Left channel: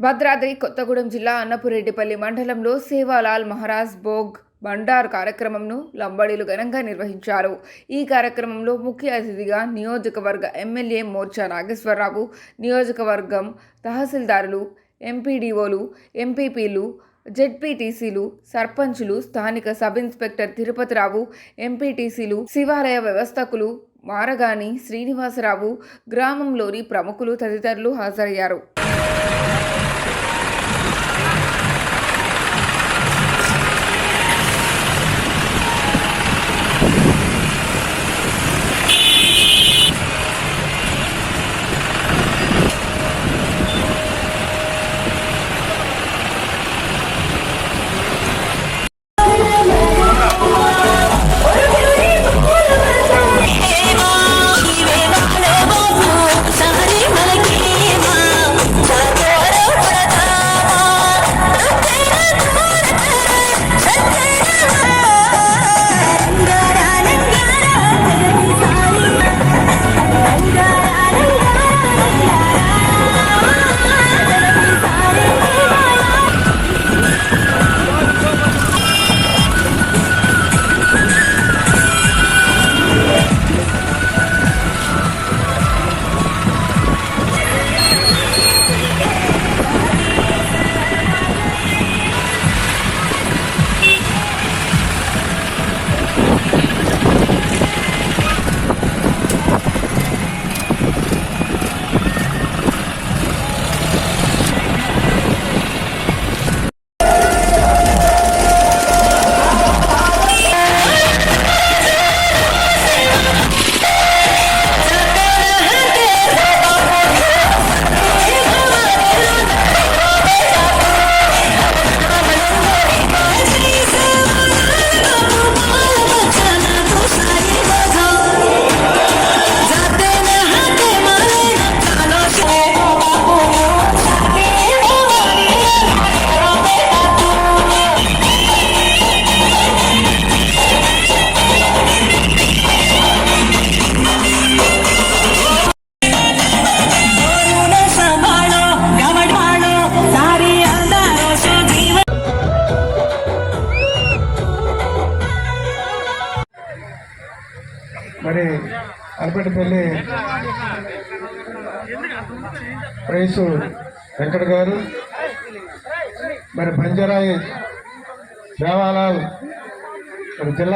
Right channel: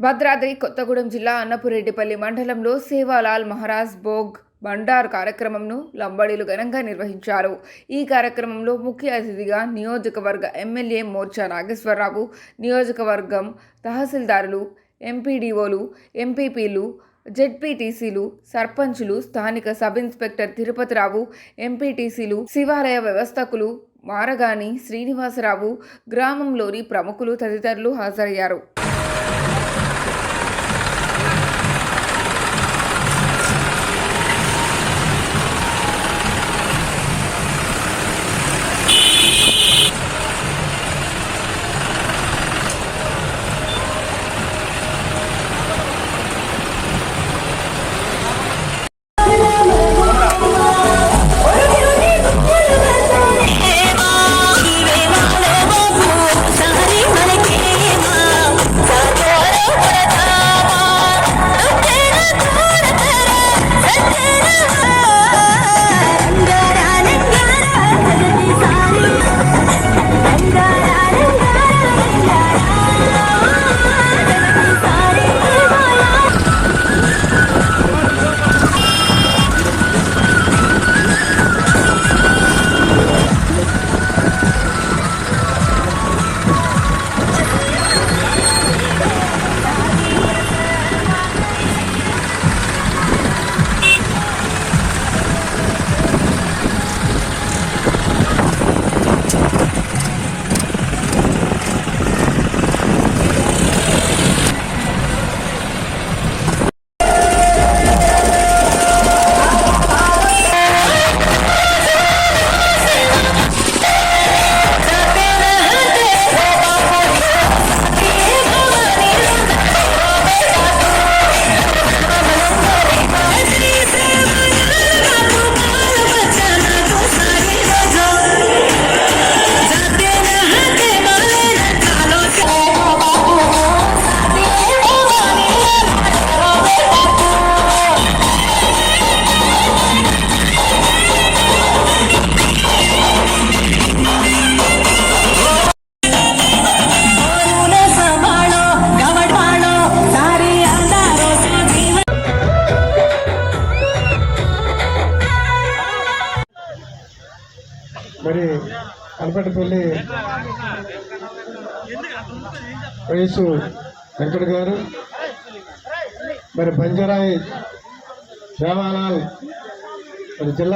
భద్రాద్రి కొత్తగూడెం జిల్లా అన్నపురెడ్డిపల్లి మండలంలో సేవాలాల్ మహారాజ్ భోగ్ బండార్ కార్యక్రమంను లంబడీలు ఘనంగా నిర్వహించారు. ఈ కార్యక్రమంలో ముఖ్య అతిథిగా నియోజకవర్గ ఎమ్మెల్యే మోర్చా నాగేశ్వరరావు నియోజకవర్గం తహసీల్దారులు ఎంపీడీఓలు ఎంపీపీలు జెడ్పీటీసీలు సర్పంచులు స్థానిక సబ్ ఇన్స్పెక్టర్ తిరుపతిరావు ఎంపీటీసీలు శివాలయ వ్యవస్థకులు మారగాని శ్రీనివాసరావు గ్రామంలోని ప్రముఖులు తదితరులు హాజరయ్యారు. మరి అరపటిపల్లి వయసు వెంకట గారు మరి బంజరాయి దేవాలయాలు మరి జిల్లా